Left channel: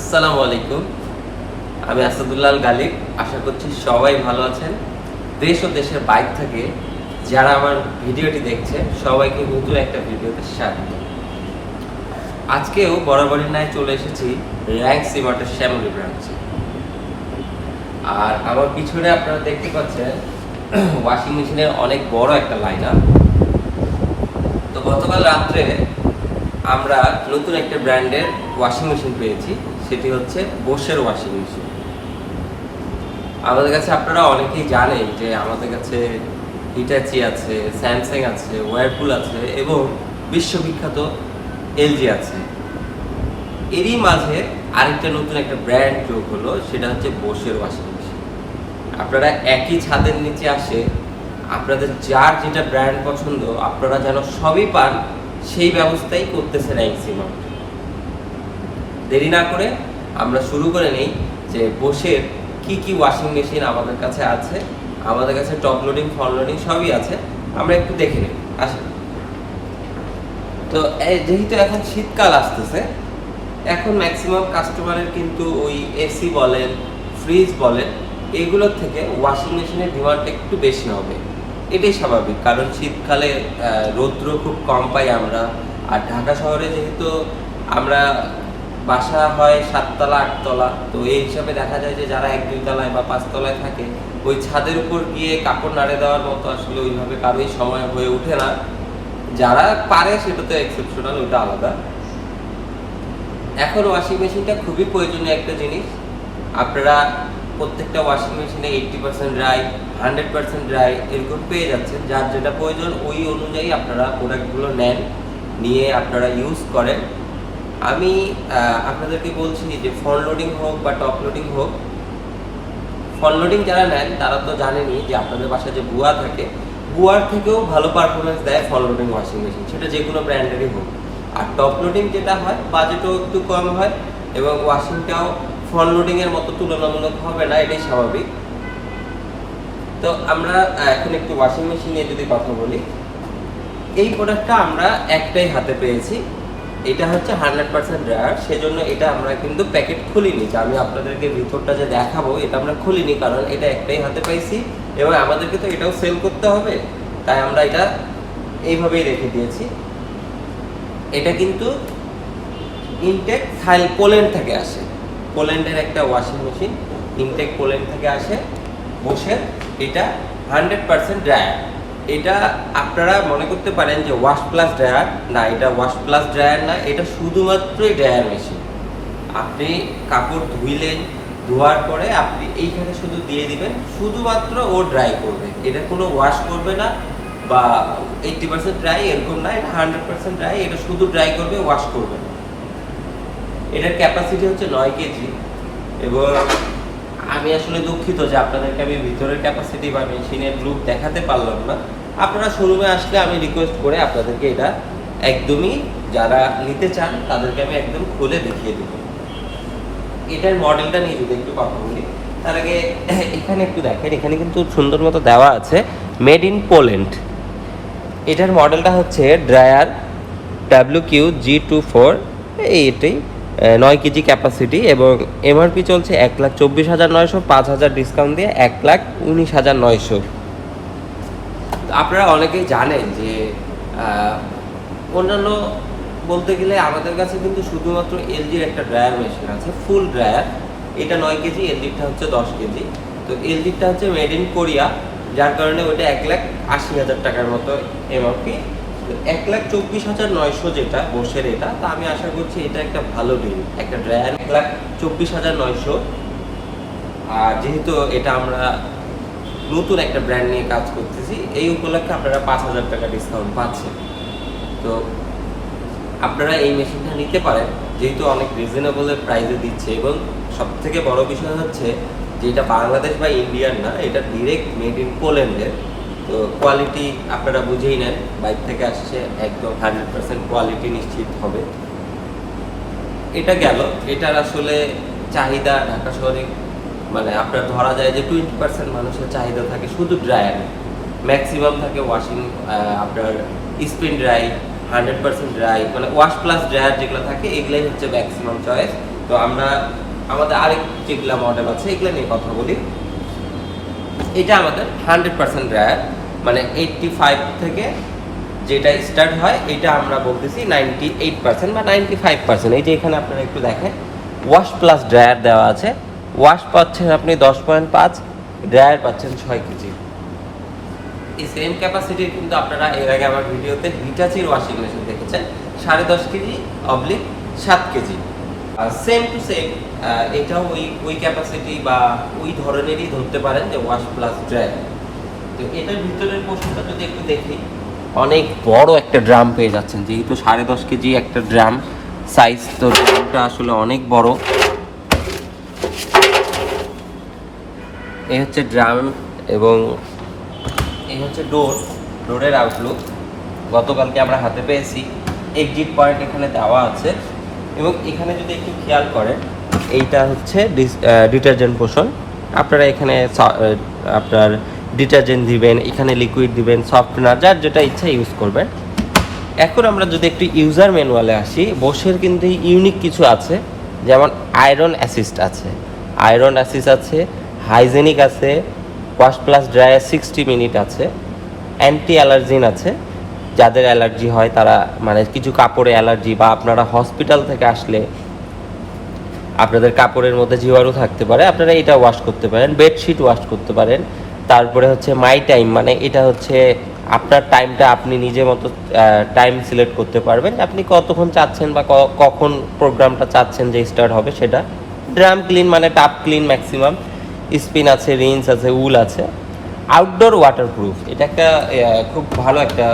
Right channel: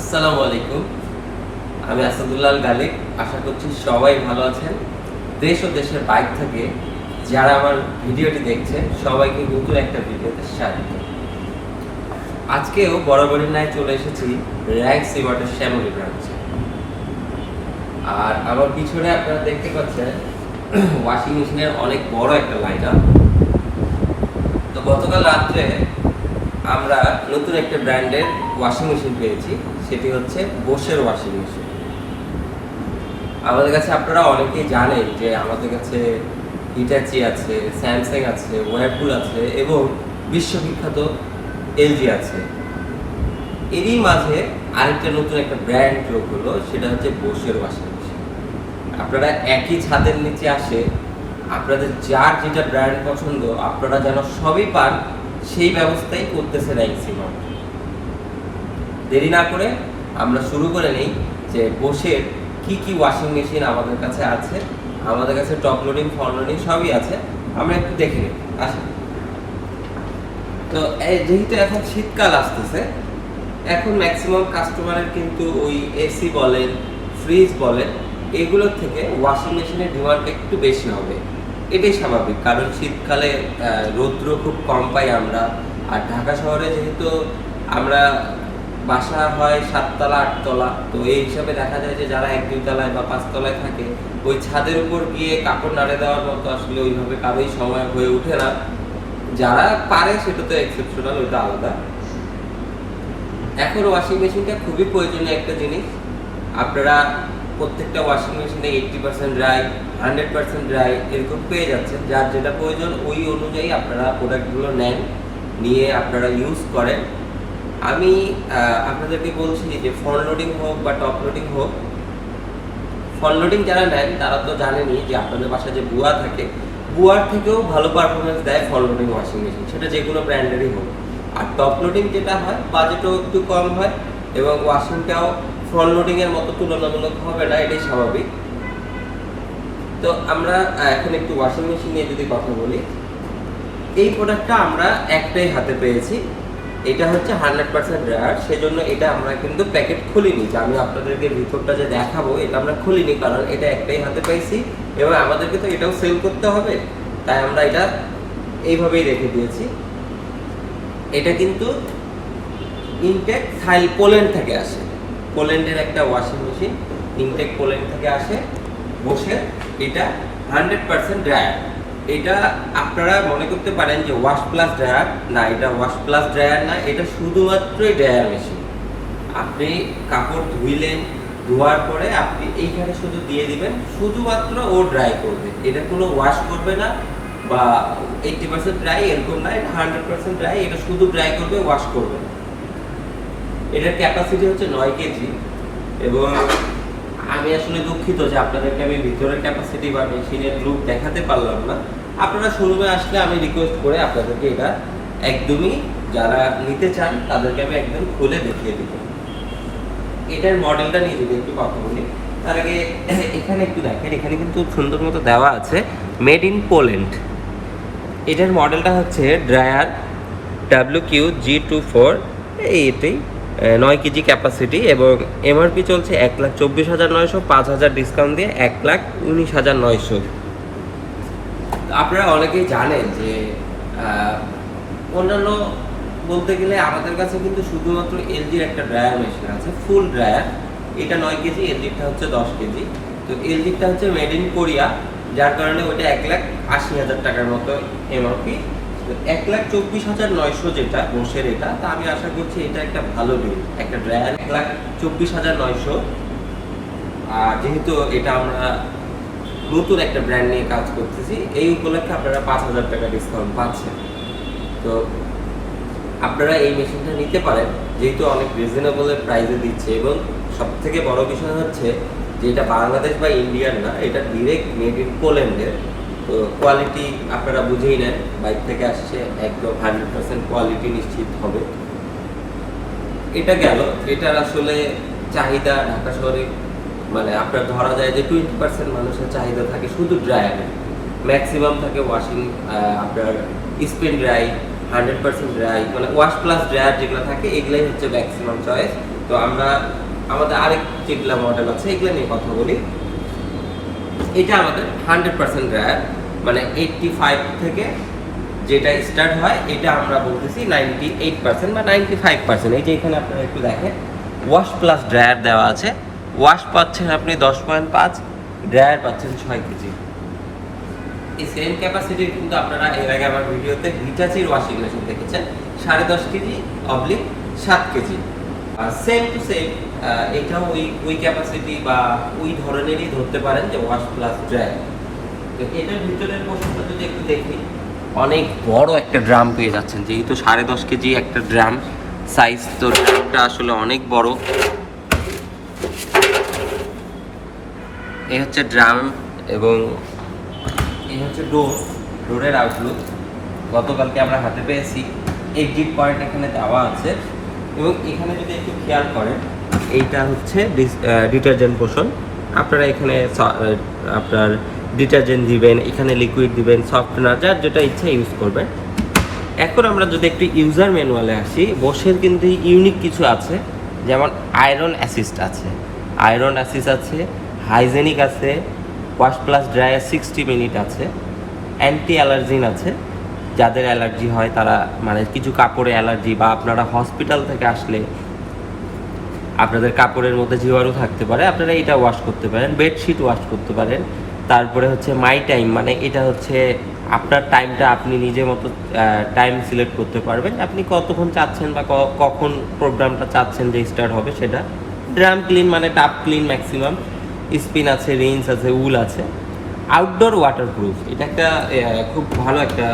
আসসালামু আলাইকুম। আমি আসাদুল্লাহ গালিব। আশা করছি সবাই ভালো আছেন। দেশ ও দেশের বাইরে থেকে যারা আমার ভিডিওটি দেখছে সবাইকে নতুন একটা ভিডিওতে স্বাগত। আজকেও বরাবরের ন্যায় চলে এসেছি র্যাঙ্ক সিমার্টের শ্যামলী ব্রাঞ্চে। আর আমার পিছনে আপনারা দেখতে পাচ্ছেন ওয়াশিং মেশিনের অনেক বড় একটা লাইন আপ। তো গতকাল রাত্রে আমরা নতুন একটা ব্র্যান্ডের ওয়াশিং মেশিন পেয়েছি, সেটি হচ্ছে বোশের ওয়াশিং মেশিন। আমাদের কাছে আপনারা অনেকেই জানেন যে আমাদের কাছে হিটাচি আছে, স্যামসাং আছে, ওয়ারপুল আছে এবং বিশ্ববিখ্যাত এলজি আছে। এরই মাঝে আরেকটা নতুন একটা ব্র্যান্ড যোগ হলো, সেটা হচ্ছে বোশের ওয়াশিং মেশিন। আপনারা একই ছাদের নিচে আসে আপনাদের যার যেটা ব্র্যান্ড পছন্দ আপনারা যেন সবই পান, সেই ব্যবস্থাই করতেছে র্যাঙ্কসিমার্ট। দেরি না করে আমরা শুরু করে নেই যে বোশের কি কি ওয়াশিং মেশিন আমাদের কাছে আছে। আমাদের কাছে টপ লোডিং, ফ্রন্ট লোডিং সবই আছে, আমরা একটু দেখে নিই। আসেন। তো যেহেতু এখন শীতকাল আসতেছে, এখন ম্যাক্সিমাম কাস্টমারের কিন্তু ওই এসি বলেন, ফ্রিজ বলেন, এগুলোর থেকে ওয়াশিং মেশিনের ডিমান্ডটা একটু বেশি হবে। এটাই স্বাভাবিক, কারণ শীতকালে রৌদ্র খুব কম পাই আমরা। আর ঢাকা শহরে যেহেতু আমরা বাসা হয় 7তলা 8তলা, তো এই হিসাবে দেখা যায় যে যারা 1-2 তলায় বা 5 তলায় থাকে, ওই ছাদের উপর গিয়ে কাপড় নাড়ে দেওয়ার মতো আসলে ওইভাবে কারোই সময় হয়ে ওঠে না। যারা পারে সেটা তো এক্সেপশনাল, ওটা আলাদা। এখন ওয়াশিং মেশিনটা খুবই প্রয়োজনীয় একটা জিনিস। আপনারা প্রত্যেকটা ওয়াশিং মেশিনে 80% ড্রাই, 100% ড্রাই এরকম পেয়ে যাচ্ছেন। যার যেটা প্রয়োজন ওই অনুযায়ী আপনারা প্রোডাক্টগুলো নেন, নিয়ে আপনারা ইউজ করেন। আমি আপনাদেরকে বলছি যে ফ্রন্ট লোডিং হোক বা টপ লোডিং হোক, ফ্রন্ট লোডিং যারা নেন তারা তো জানেনই যে আপনাদের বাসায় যে বুয়া থাকে, বুয়ার থেকেও ভালো পারফরমেন্স দেয় ফ্রন্ট লোডিং ওয়াশিং মেশিন, সেটা যে কোনো ব্র্যান্ডেরই হোক। আর টপ লোডিং যেটা হয়, বাজেটও একটু কম হয় এবং ওয়াশিংটাও ফ্রন্ট লোডিংয়ের মতো তুলনামূলক হবে না, এটাই স্বাভাবিক। তো আমরা এখন একটু ওয়াশিং মেশিন নিয়ে যদি কথা বলি, এই প্রোডাক্টটা আমরা একটাই হাতে পেয়েছি। এটা হচ্ছে 100% ড্রায়ার, সেজন্য এটা আমরা কিন্তু প্যাকেট খুলিনি। যে আমি আপনাদেরকে ভিতরটা যে দেখাবো এটা আমরা খুলিনি, কারণ এটা একটাই হাতে পাইছি এবং আমাদেরকে তো এটাও সেল করতে হবে, তাই আমরা এটা এইভাবেই রেখে দিয়েছি। এটা কিন্তু ইনটেক পোল্যান্ড থেকে আসে, পোল্যান্ডের একটা ওয়াশিং মেশিন, ইনটেক পোল্যান্ড থেকে আসে বসে। এটা 100% ড্রায়ার। এটা আপনারা মনে করতে পারেন যে ওয়াশ প্লাস ড্রায়ার, না, এটা ওয়াশ প্লাস ড্রায়ার না, এটা শুধুমাত্রই ড্রায়ার মেশিন। আপনি কাপড় ধুইলেন, ধোয়ার পরে আপনি এইখানে শুধু দিয়ে দিবেন, শুধুমাত্র ও ড্রাই করবে। এটা কোনো ওয়াশ করবে না বা 80% ড্রাই এরকম না, এটা 100% ড্রাই। এটা শুধু ড্রাই করবে, ওয়াশ করবে না। এটার ক্যাপাসিটি হচ্ছে 9 কেজি এবং আমি আসলে দুঃখিত যে আপনাদেরকে আমি ভিতরের ক্যাপাসিটি বা মেশিনের লুক দেখাতে পারলাম না। আপনারা শোরুমে আসলে আমি রিকোয়েস্ট করে আপনাদেরকে এটা একদমই, যারা নিতে চান তাদেরকে আমি একদম খুলে দেখিয়ে দেব। এটার মডেলটা নিয়ে যদি একটু কথা বলি, তার আগে এখানে একটু দেখেন, এখানে কিন্তু সুন্দর মতো দেওয়া আছে মেড ইন পোল্যান্ড। এটার মডেলটা হচ্ছে ড্রায়ার WQ-G24, এটাই 9 কেজি ক্যাপাসিটি এবং এমআরপি চলছে 1,24,900, 5,000 ডিসকাউন্ট দিয়ে 1,19,900। আপনারা অনেকেই জানেন যে অন্যান্য বলতে গেলে আমাদের কাছে কিন্তু শুধুমাত্র এলজির একটা ড্রায়ার মেশিন আছে, ফুল ড্রায়ার। এটা 9 কেজি, এলজিটা হচ্ছে 10 কেজি। তো এলজিটা হচ্ছে মেড ইন কোরিয়া, যার কারণে ওইটা 1,80,000 টাকার মতো এমআরপি। 1,24,900 যেটা বসের, এটা তা আমি আশা করছি এটা একটা ভালো ডিল। একটা ড্রায়ার 1,24,900। আর যেহেতু এটা আমরা নতুন একটা ব্র্যান্ড নিয়ে কাজ করতেছি, এই উপলক্ষে আপনারা 5,000 টাকা ডিসকাউন্ট পাচ্ছেন। তো আপনারা এই মেশিনটা নিতে পারেন, যেহেতু অনেক রিজনেবল প্রাইসে দিচ্ছে। এবং সবথেকে বড় বিষয় হচ্ছে যে এটা বাংলাদেশ বা ইন্ডিয়ার না, এটা ডিরেক্ট মেড ইন পোল্যান্ডের। তো কোয়ালিটি আপনারা বুঝেই নেন, বাইরে থেকে আসছে, একদম 100% কোয়ালিটি নিশ্চিত হবে। এটা গেল। এটার আসলে চাহিদা ঢাকা শহরে মানে আপনার ধরা যায় যে 20% মানুষের চাহিদা থাকে শুধু ড্রায়ারে, ম্যাক্সিমাম থাকে ওয়াশিং, আপনার স্পিন ড্রাই, 100% ড্রাই, মানে ওয়াশ প্লাস ড্রায়ার যেগুলো থাকে এগুলাই হচ্ছে ম্যাক্সিমাম চয়েস। তো আমরা আমাদের আরেক যেগুলো মডেল আছে এগুলো নিয়ে কথা বলি। এটা আমাদের 100% ড্রায়ার, মানে 85 থেকে যেটা স্টার্ট হয় এটা আমরা বলতেছি 98% বা 95%। এই যে এখানে আপনারা একটু দেখেন ওয়াশ প্লাস ড্রায়ার দেওয়া আছে। ওয়াশ পাচ্ছেন আপনি 10.5, ড্রায়ার পাচ্ছেন 6 কেজি। এই সেম ক্যাপাসিটির কিন্তু আপনারা এর আগে আমার ভিডিওতে হিটাচির ওয়াশিং মেশিন দেখেছেন 10.5 কেজি অবলিক 7 কেজি। আর সেম টু সেম এটাও ওই ক্যাপাসিটি বা ওই ধরনেরই ধরতে পারেন যে ওয়াশ প্লাস ড্রায়ার। তো এটার ভিতরের পোর্শনটা যদি একটু দেখি, অনেক বড় একটা ড্রাম পেয়ে যাচ্ছেন, যেহেতু 10.5 কেজি একটা ড্রাম সাইজ, তো ড্রামটা আসলে অনেক বড়। এই হচ্ছে ড্রাম এবং এই হচ্ছে ডোরের আউটলুক। গতকালকে আমরা হাতে পেয়েছি, এক্সিট পয়েন্ট এখানে দেওয়া আছে এবং এখানে যদি একটু খেয়াল করেন এইটা হচ্ছে ডিটারজেন্ট পোর্শন। আপনারা এখানে আপনার ডিটারজেন্ট দিবেন, এখানে লিকুইড দিবেন, সফটনার, যার যেটা ইচ্ছা ইউজ করবেন। এখন আমরা যদি একটু ইউজার ম্যানুয়ালে আসি, বসের কিন্তু ইউনিক কিছু আছে, যেমন আয়রন অ্যাসিস্ট আছে, হাইজেনিক আছে, ওয়াশ প্লাস ড্রায়ার 60 মিনিট আছে, অ্যান্টি অ্যালার্জিন আছে। যাদের অ্যালার্জি হয় তারা, মানে কিছু কাপড়ে অ্যালার্জি বা আপনারা হসপিটাল থেকে আসলে আপনাদের কাপড়ের মধ্যে জীবাণু থাকতে পারে, আপনারা এটা ওয়াশ করতে পারেন। বেডশিট ওয়াশ করতে পারেন। তারপরে হচ্ছে মাই টাইম, মানে এটা হচ্ছে আপনার টাইমটা আপনি নিজের মতো টাইম সিলেক্ট করতে পারবেন, আপনি কতক্ষণ চাচ্ছেন বা কখন প্রোগ্রামটা চাচ্ছেন যে স্টার্ট হবে সেটা। ড্রাম ক্লিন মানে টাপ ক্লিন ম্যাক্সিমাম, স্পিন আছে, রিন্স আছে, উল আছে। আউটডোর ওয়াটারপ্রুফ, এটা একটা খুব ভালো একটা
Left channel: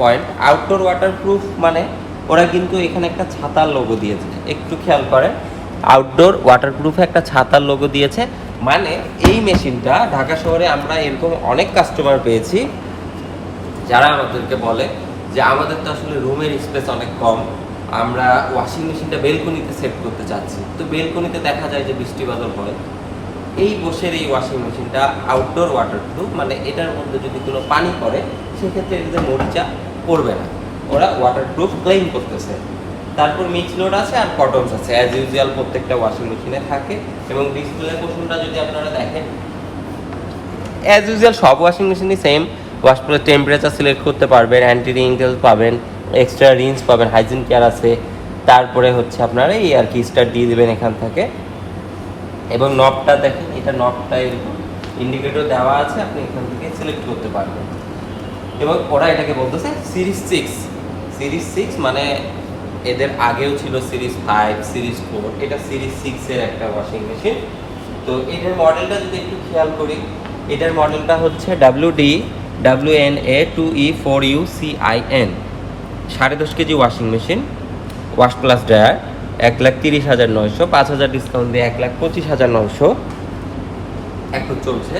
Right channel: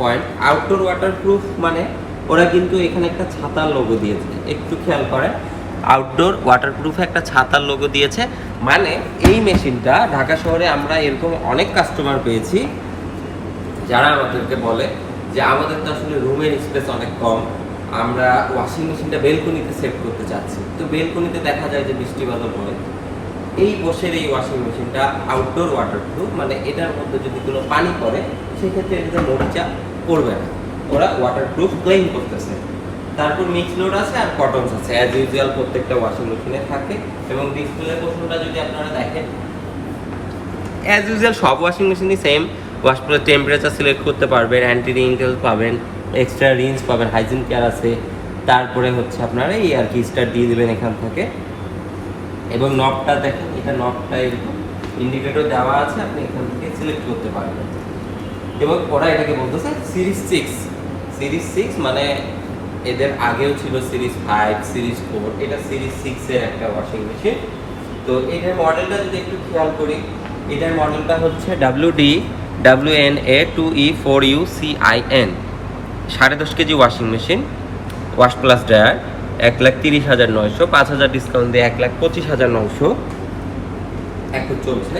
পয়েন্ট। আউটডোর ওয়াটারপ্রুফ মানে ওরা কিন্তু এখানে একটা ছাতার লোগো দিয়েছে, একটু খেয়াল করে, আউটডোর ওয়াটারপ্রুফে একটা ছাতার লোগো দিয়েছে। মানে এই মেশিনটা ঢাকা শহরে আমরা এরকম অনেক কাস্টমার পেয়েছি যারা আমাদেরকে বলে যে আমাদের তো আসলে রুমের স্পেস অনেক কম, আমরা ওয়াশিং মেশিনটা বেলকনিতে সেট করতে চাচ্ছি। তো বেলকনিতে দেখা যায় যে বৃষ্টি বাদল হয়, এই বসের এই ওয়াশিং মেশিনটা আউটডোর ওয়াটারপ্রুফ, মানে এটার মধ্যে যদি কোনো পানি পড়ে সেক্ষেত্রে এটাতে মরিচা পড়বে না, ওরা ওয়াটারপ্রুফ ক্লেম করতেছে। তারপর মিক্স লোড আছে আর কটনস আছে, অ্যাজ ইউজুয়াল প্রত্যেকটা ওয়াশিং মেশিনে থাকে। এবং ডিসপ্লে পোর্শনটা যদি আপনারা দেখেন, অ্যাজ ইউজুয়াল সব ওয়াশিং মেশিনই same. Wash plus temperature select করতে পারবেন, অ্যান্টি রিঙ্কেল পাবেন, এক্সট্রা রিন্স পাবেন, হাইজিন কেয়ার আছে। তারপরে হচ্ছে আপনারা এই আর কি স্টার্ট দিয়ে দেবেন এখান থেকে। এবং নবটা দেখেন, এটা নবটা এরকম ইন্ডিকেটর দেওয়া আছে, আপনি এখান থেকে সিলেক্ট করতে পারবেন। এবং ওরা এটাকে বলতেছে সিরিজ 6, মানে এদের আগেও ছিল সিরিজ 5, সিরিজ 4, এটা সিরিজ 6-এর একটা ওয়াশিং মেশিন। তো এটার মডেলটা যদি একটু খেয়াল করি, এটার মডেলটা হচ্ছে WD-WNA2E4UCIN, 10.5 KG washing machine, wash plus dryer, 1,30,900, 5,000 discount দিয়ে 1,25,900 এখন চলছে।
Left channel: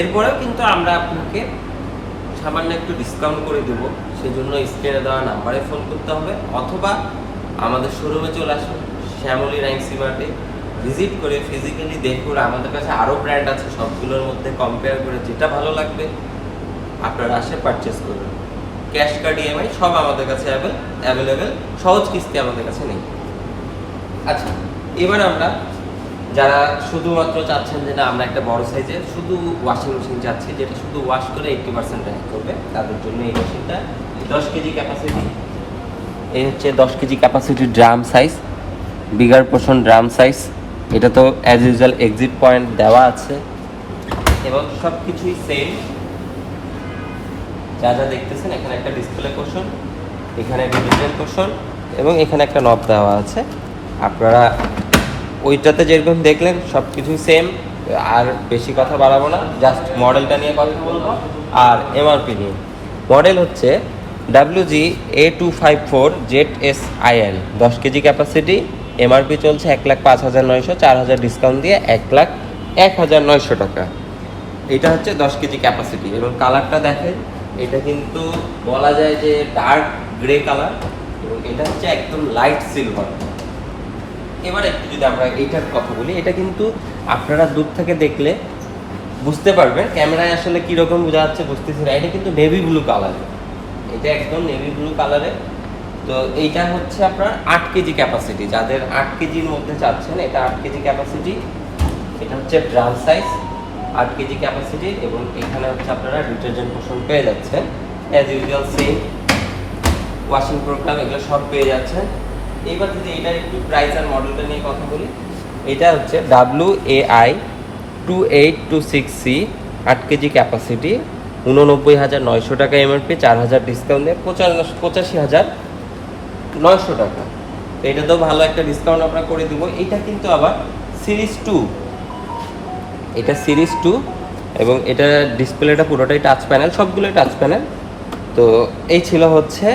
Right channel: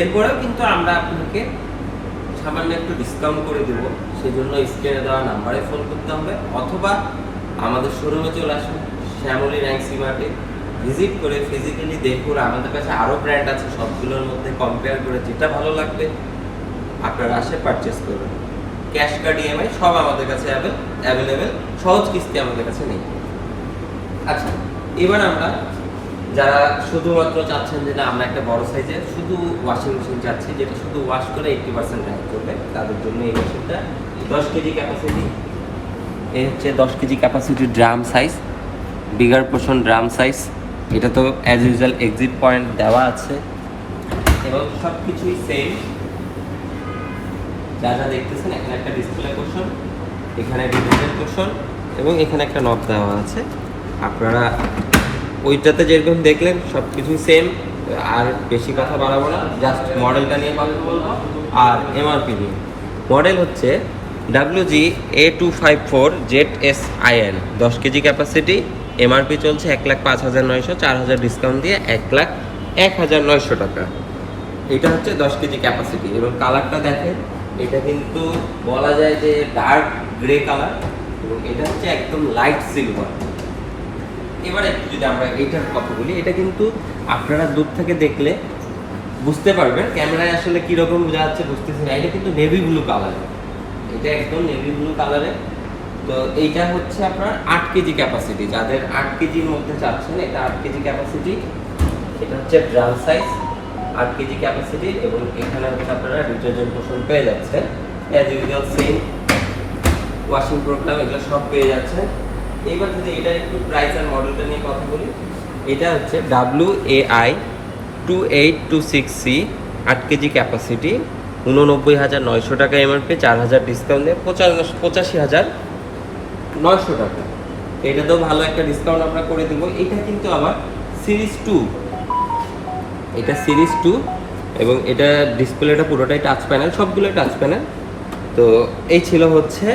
এরপরেও কিন্তু আমরা আপনাকে সামান্য একটু ডিসকাউন্ট করে দেবো, সেই জন্য স্ক্রিনে দেওয়া নাম্বারে ফোন করতে হবে, অথবা আমাদের শোরুমে চলে আসুন শ্যামলী র্যাঙ্কসি মার্টে, ভিজিট করে ফিজিক্যালি দেখুন। আমাদের কাছে আরও ব্র্যান্ড আছে, সবগুলোর মধ্যে কম্পেয়ার করে যেটা ভালো লাগবে আপনারা আসে পারচেস করবেন। ক্যাশ কার্ড, EMI সব আমাদের কাছে অ্যাভেলেবেল, সহজ কিস্তি আমাদের কাছে নেই। আচ্ছা, এবার আমরা যারা শুধুমাত্র চাচ্ছেন যে না আমরা একটা বড় সাইজের শুধু ওয়াশিং মেশিন চাচ্ছি, যেটা শুধু ওয়াশ করে 80% ড্রাই করবে, তাদের জন্য এই মেশিনটা 10 কেজি ক্যাপাসিটি। এই হচ্ছে 10 কেজি ক্যাপাসিটির drum size, bigger portion drum size. এটা তো অ্যাজ ইউজুয়াল এক্সিট পয়েন্ট দেওয়া আছে এবং সব কিছুই সেম যা যা দেখতেছেন। এখানে একটা ডিসপ্লে পোর্শন, এখানে ডিজিটাল পোর্শন এবং এখানে একটা নব দেওয়া আছে। আপনারা ওইটাতে যেরকম দেখলেন সব কিছুই সেম। আর বেশি কথা বাড়াবো না, জাস্ট মডেলটা নিয়ে কথা বলবো আর MRP নিয়ে। মডেল হচ্ছে WG-A254ZSIN, 10 কেজি ক্যাপাসিটি, MRP চলছে 1,05,900, 4,000 ডিসকাউন্ট দিয়ে 1,01,900 টাকা। এটা হচ্ছে 10 কেজি ক্যাপাসিটি এবং কালারটা দেখেন, এটা কিন্তু বলা যায় যে ডার্ক গ্রে কালার এবং এটা হচ্ছে একদম লাইট সিলভার। এবার একটু যদি আমরা এইটার কথা বলি, এটা কিন্তু আপনারা দূর থেকে দেখলে বুঝতে পারবেন, ক্যামেরায় আসলে কীরকম বোঝা যাচ্ছে বুঝতেছি না, এটা কিন্তু নেভি ব্লু কালারের, এটা একদম নেভি ব্লু কালারের তো এইটা হচ্ছে আপনার 8 কেজি ক্যাপাসিটি, যাদের 8 কেজির মধ্যে চাচ্ছেন এটা 8 কেজি ক্যাপাসিটি। এটা হচ্ছে ড্রাম সাইজ 8 কেজি ক্যাপাসিটি, এবং এখানে হচ্ছে আপনারা ডিটারজেন্ট পোর্শন পেয়ে যাচ্ছেন as usual same washing programme এগুলো সব পেয়ে যাচ্ছেন। এইবার যদি এটার একটু প্রাইস আর মডেলটা নিয়ে কথা বলি, এটা হচ্ছে WAI 2826C 8 কেজি ক্যাপাসিটি, 89,900 টাকা এমআরপি, 4,000 ডিসকাউন্ট দিয়ে 85,900 টাকা। এটা তো ভালো একটা ডিসকাউন্ট আমরা করে দেবো। এটা কিন্তু আবার সিরিজ 2, এটা সিরিজ 2, এবং এটা ডিসপ্লেটা পুরোটাই টাচ প্যানেল, সবগুলো টাচ প্যানেল। তো এই ছিল হচ্ছে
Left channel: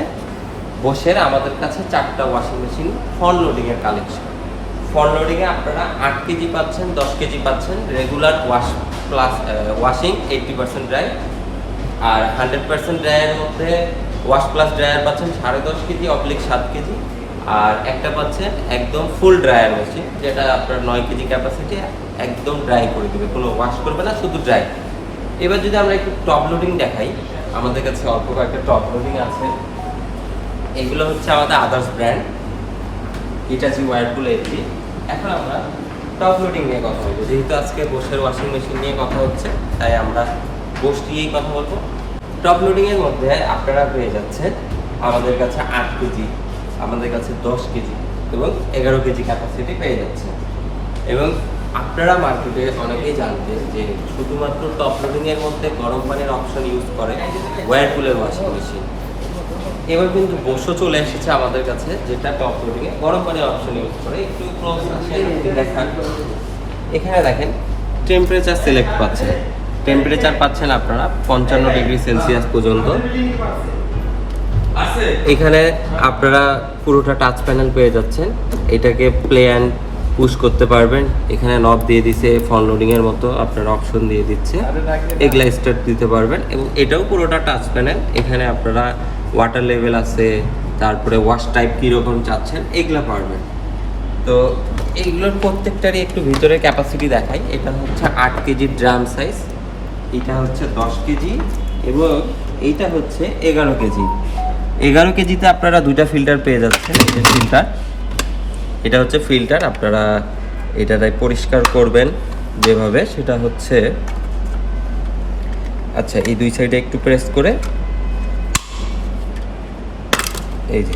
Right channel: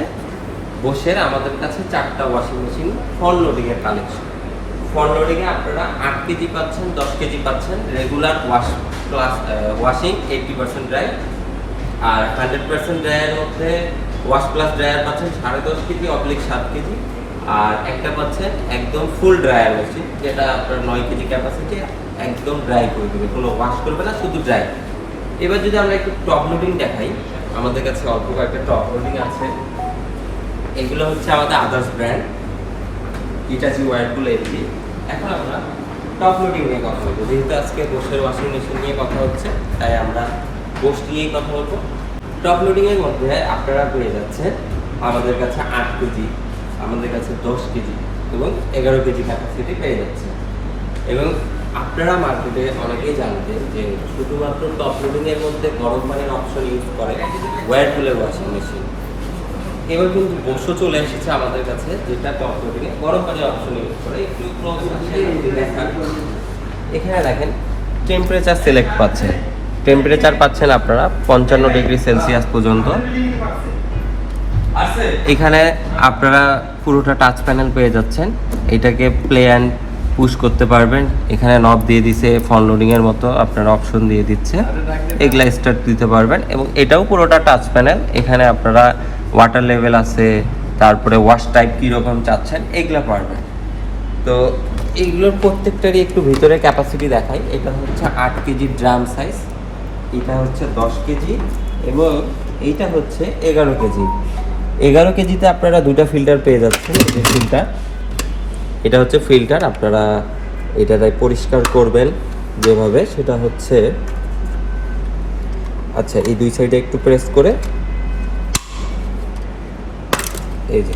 বোশের আমাদের কাছে 4টা ওয়াশিং মেশিন ফ্রন্ট লোডিংয়ের কালেকশন। ফ্রন্ট লোডিংয়ে আপনারা 8 কেজি পাচ্ছেন, 10 কেজি পাচ্ছেন, regular wash plus washing 80% dry, আর 100% ড্রাইয়ের মধ্যে ওয়াশ প্লাস ড্রায়ার পাচ্ছেন 10.5 কেজি অবলিক 7 কেজি, আর একটা পাচ্ছেন একদম ফুল ড্রায়ার মেশিন, যেটা আপনার 9 কেজি ক্যাপাসিটি, একদম ড্রাই করে দেবে, কোনো ওয়াশ করবে না, শুধু ড্রাই। এবার যদি আমরা একটু টপ লোডিং দেখাই, আমাদের কাছে অল্প কয়েকটা টপ লোডিং আছে। এগুলো হচ্ছে আমাদের others brand Itachi Whirlpool AC. এখন আমরা টপ লোডিং নিয়ে কথা বলবো, যেহেতু আজকে বোশের ওয়াশিং মেশিন নিয়ে কথা হচ্ছে, তাই আমরা বোশ নিয়েই কথা বলবো। টপ লোডিংয়ের মধ্যে আপনারা পেয়ে যাচ্ছেন আমাদের কাছে 8 কেজি, আমাদের কাছে 10 কেজি এবং 11 কেজি ক্যাপাসিটি পেয়ে যাচ্ছে। এবং আপনারা মার্কেটে অনেকেই জানতেন যে শুধুমাত্র টপ লোডিংয়ের মধ্যে গরম পানির অপশন ইউজ করে ওয়ারপুলের ওয়াশিং মেশিন। এবার কিন্তু বোশও চলে এসেছে আমাদের কাছে, যেটা টপ লোডিংয়ে গরম পানির অপশন ইউজ করে। একটু ক্লোজ দেখান, এখানে দেখেন টেম্পারেচার সিলেক্ট পাচ্ছেন, টেম্পারেচার পাচ্ছেন আপনারা 55 ডিগ্রি সেলসিয়াস পর্যন্ত। এখানে আপনারা পুরোটা টাচ প্যানেল পেয়ে যাচ্ছেন, এটাকে প্লে অ্যান্ড পুশ করতে পারবেন। এখানে নব দিয়ে দিছে, ফ্রন্ট লোডিংয়ের মতো আপনারা অপশন দিয়ে দিচ্ছে, এগুলা স্টার্ট দিতে পারবেন। এবং এটাও পুরোটা টাচ প্যানেল, এখানে আপনারা ওয়াটার লেভেল আছে, তারপরে ওয়াশ টাইপ কীরকম চাচ্ছেন এগুলো পারবেন। তো এইগুলোর প্রত্যেকটারই একটু ভিতরে ক্যাপাসিটি দেখাই। এটা হচ্ছে 8 কেজি ড্রাম সাইজ, এটা হচ্ছে 10 কেজি, এবং এইটা হচ্ছে 11 কেজি। 11 কেজিতে আপনারা 2টা ফিল্টার পেয়ে যাচ্ছেন। এই যে ফিল্টার, এটা হচ্ছে ফিল্টার, আপনারা এটাতে পরিষ্কার করবেন যেভাবে, সেটা হচ্ছে আচ্ছা এই দুই সাইডে একটু প্রেস করে এই যে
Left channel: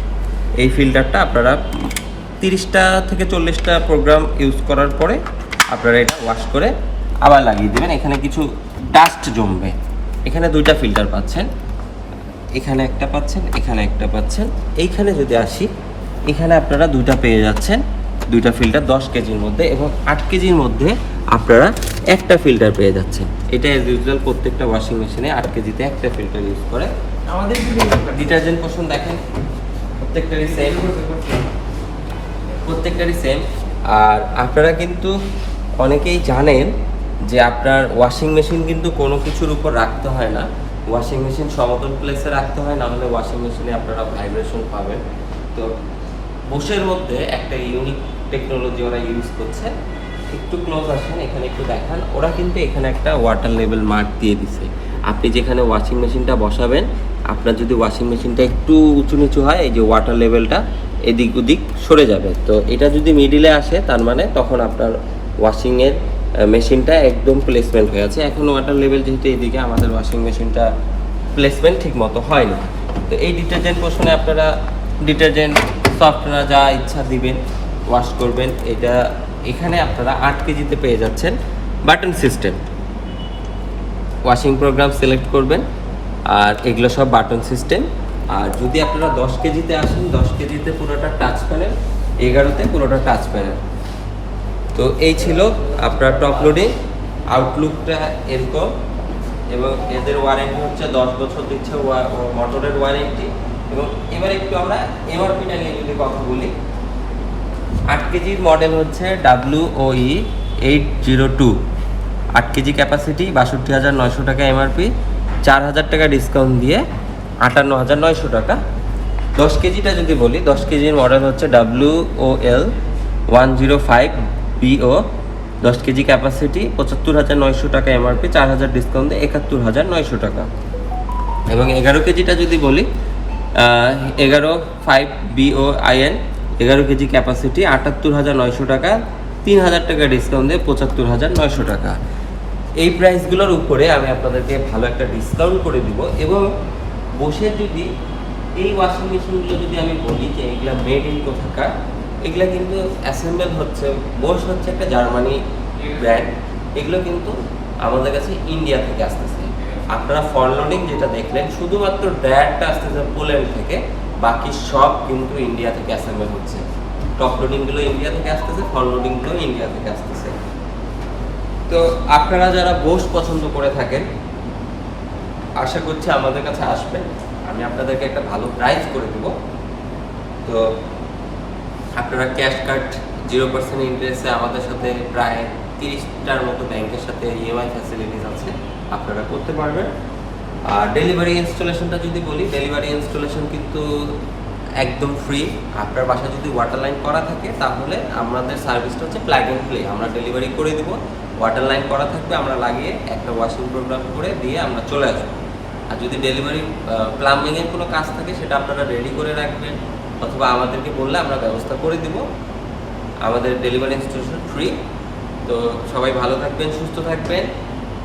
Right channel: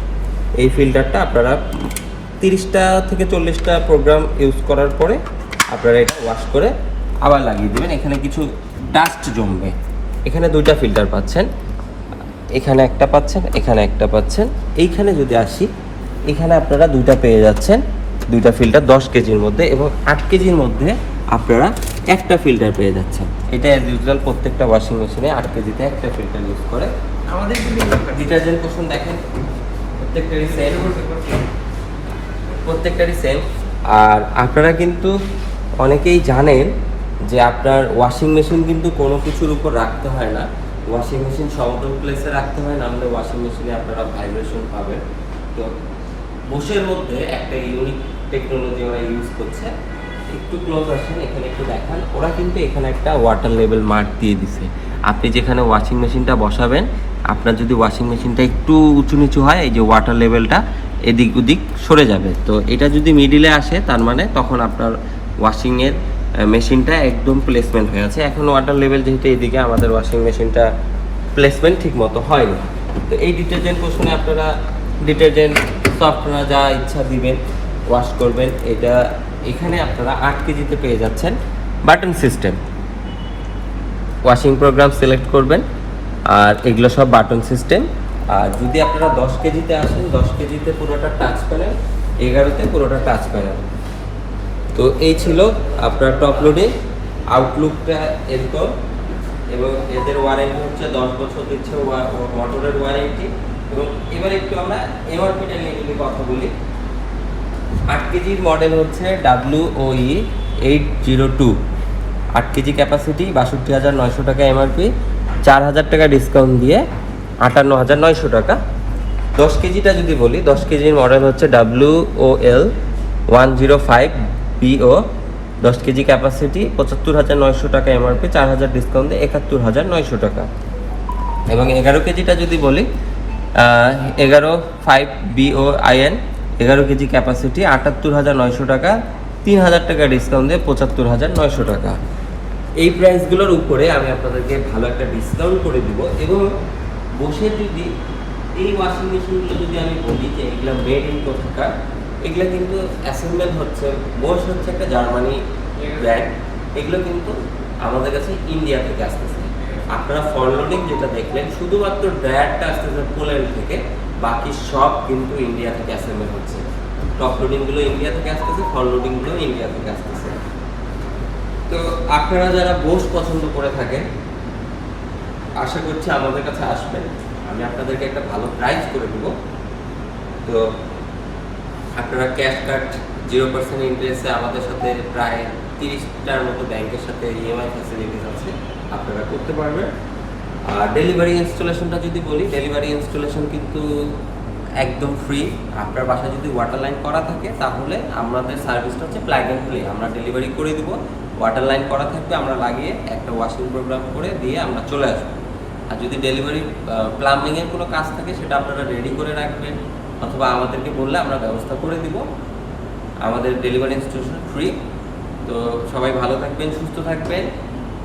এই ফিল্টারটা আপনারা 30টা থেকে 40টা প্রোগ্রাম ইউজ করার পরে আপনারা এটা ওয়াশ করে আবার লাগিয়ে দেবেন। এখানে কিছু ডাস্ট জমবে। এখানে 2টা ফিল্টার পাচ্ছেন, এখানে একটা পাচ্ছেন, এখানে একটা পাচ্ছেন। এইখানে যদি আসি, এখানে আপনারা 2টা পেয়ে যাচ্ছেন, 2টা ফিল্টার 10 কেজির মধ্যে, এবং 8 কেজির মধ্যে আপনারা একটা ফিল্টার পেয়ে যাচ্ছেন। এটা অ্যাজ ইউজুয়াল প্রত্যেকটা ওয়াশিং মেশিনে 8 কেজিতে একটা ফিল্টার ইউজ করে। আমাদের ডিটারজেন্ট পোর্শন দেখেন, প্রত্যেকটারই সেম। আর আপনারা কিন্তু অনেকেই জানেন যে আপনার ওয়াশিং মেশিন কিন্তু কোনো কিছুর উপর রাখতে হয় না, ওয়াশিং মেশিন সমতল প্লেসে রাখতে হয়, না হলে ওয়াশিং মেশিনে আপনারা ভাইব্রেশন পাবেন। তো বোশের মধ্যে একটা ইউনিক টেকনোলজি ওরা ইউজ করছে। একটু ক্লোজ আসেন, এখানে একটু দেখান। ওরা কিন্তু এখানে একটা ওয়াটার লেভেল মার্ক দিয়ে দিছে। আপনি যেখানে ওয়াশিং মেশিনটা বসাবেন, আপনার যদি ওয়াশিং মেশিনটা একটু উঁচু নিচু হয়, এই যে ওয়াটার লেভেলটা এদিক ওদিক সরে যাবে। তো এটা যদি মিডিলে আসে, তার মানে তখন আপনার ওয়াশিংয়ের মেশিনটা একদম প্লেসমেন্ট হয়ে আছে। এখন ওয়াটার লেভেল যেহেতু এদিকে, আমাদের ওয়াশিং মেশিনটা প্লেসমেন্ট ঠিক মতো হয়নি। তো এই ডিটারজেন্ট পোর্শনে আপনারা ডিটারজেন্ট সফটওয়্যার যা ইচ্ছা দিবেন, ওয়াশ করবেন। এটা এখানে আপনারা 8 কেজিতে পেয়ে যাচ্ছেন button system. Washing programme select করবেন, আর এগুলো সব বাটন সিস্টেম। আর যদি আপনারা 10 কেজিতে আসেন, 10 কেজিতে পুরোটা টাচ প্যানেল, 11তে পুরোটা টাচ প্যানেল। তো এই ছিল আপনার টপ লোডিং। আউটলুকটা এরকম, এবং এদের ওয়ারেন্টি হচ্ছে 10 বছর দিচ্ছে মোটরের ওয়ারেন্টি। এবং এবার একটু আমরা এমআরপিটা নিয়ে যদি কথা বলি, 8 কেজির মডেল হচ্ছে WOE 802, 8 কেজি ক্যাপাসিটি, 62,900 টাকা এমআরপি, 4,000 টাকা ডিসকাউন্ট দিয়ে 58,900 টাকা। 10 কেজিটা যদি বলি, 10 কেজির মডেল হচ্ছে WOL 105BO, 10 কেজি ক্যাপাসিটি, 75,900 টাকা এমআরপি, 4,000 ডিসকাউন্ট দিয়ে 71,900 টাকা। এবং 11 কেজিটা যদি বলি, 11 11 কেজি ক্যাপাসিটি, 78,900 টাকা, 3,000 টাকা ডিসকাউন্ট দিয়ে 75,900 টাকা। এই প্রাইসগুলোর উপরে আমি আপনাদেরকে ভালো একটা ডিসকাউন্ট করে দিব। এবং বসে যদি এই ওয়াশিং মেশিনগুলো যদি আমি বলি যে এগুলা মেড ইন কোথাকার, এগুলো কিন্তু অ্যাসেম্বল হচ্ছে, বোস হচ্ছে একটা জার্মানি ব্র্যান্ড, এগুলো কিন্তু আমাদের কাছে ইন্ডিয়া থেকে আসতেছে। আপনারা ফ্রন্ট লোডিং যেটা দেখলেন শুধুমাত্র ড্রায়ারটা আসতেছে পোল্যান্ড থেকে, বাকি সব কিন্তু ইন্ডিয়া থেকে অ্যাসেম্বল হচ্ছে। টপ লোডিংগুলো ইন্ডিয়া থেকে আসতেছে, ফ্রন্ট লোডিংগুলো ইন্ডিয়া থেকে আসতেছে। তো আপনারা যারা বোস পছন্দ করে থাকেন, আশা করছি আমাদের কাছে আসবেন, আমি আপনাদেরকে একটা ভালো প্রাইস করে দেব। তো আপনারা ক্যাশ কার্ড 0% ইন্টারেস্টে আমাদের সাথে প্রায় 30টার মতো ব্যাংকের সাথে ইএমআই ফ্যাসিলিটিস আছে, আপনারা করতে পারবেন। আর ডেলিভারি ইনস্টলেশনটা যদি বলি, ডেলিভারি ইনস্টলেশন কিন্তু একদম ফ্রি। আপনার বাসায় যদি ওয়াটার লাইন করা থাকে তাহলে আমাদের সার্ভিসটা হচ্ছে প্লাগ অ্যান্ড প্লে, আমরা ডেলিভারি করে দেবো। ওয়াটার লাইন করা থাকবে, আমরা লাগিয়ে একটা ওয়াশিং প্রোগ্রাম করে দিয়ে আমরা চলে আসবো। আর যদি ডেলিভারি প্লাম্বিংয়ের কোনো কাজ থাকে সেটা আপনারা রেডি করে রাখবেন, অথবা আমাদেরকে বললে আমরা ব্যবস্থা করে দিব। আমাদের ডেলিভারি ইনস্টলেশন ফ্রি। তো সবাই ভালো থাকবেন, সুস্থ থাকবেন।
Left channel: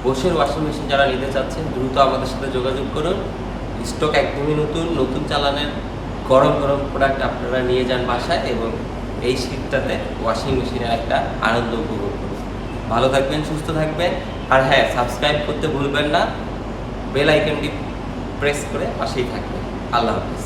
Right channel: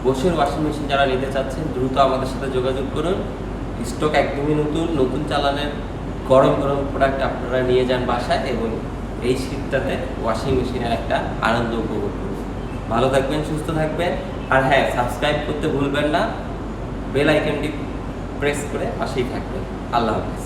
বোসের ওয়াশিং মেশিন যারা নিতে চাচ্ছেন দ্রুত আমাদের সাথে যোগাযোগ করুন। স্টক একদমই নতুন চালানের গরম গরম প্রোডাক্ট আপনারা নিয়ে যান বাসায়, এবং এই শীতটাতে ওয়াশিং মেশিনের একটা আনন্দ উপভোগ করুন। ভালো থাকবেন, সুস্থ থাকবেন। আর হ্যাঁ, সাবস্ক্রাইব করতে ভুলবেন না, বেল আইকনটি প্রেস করে পাশেই থাকবেন। আল্লাহ হাফেজ।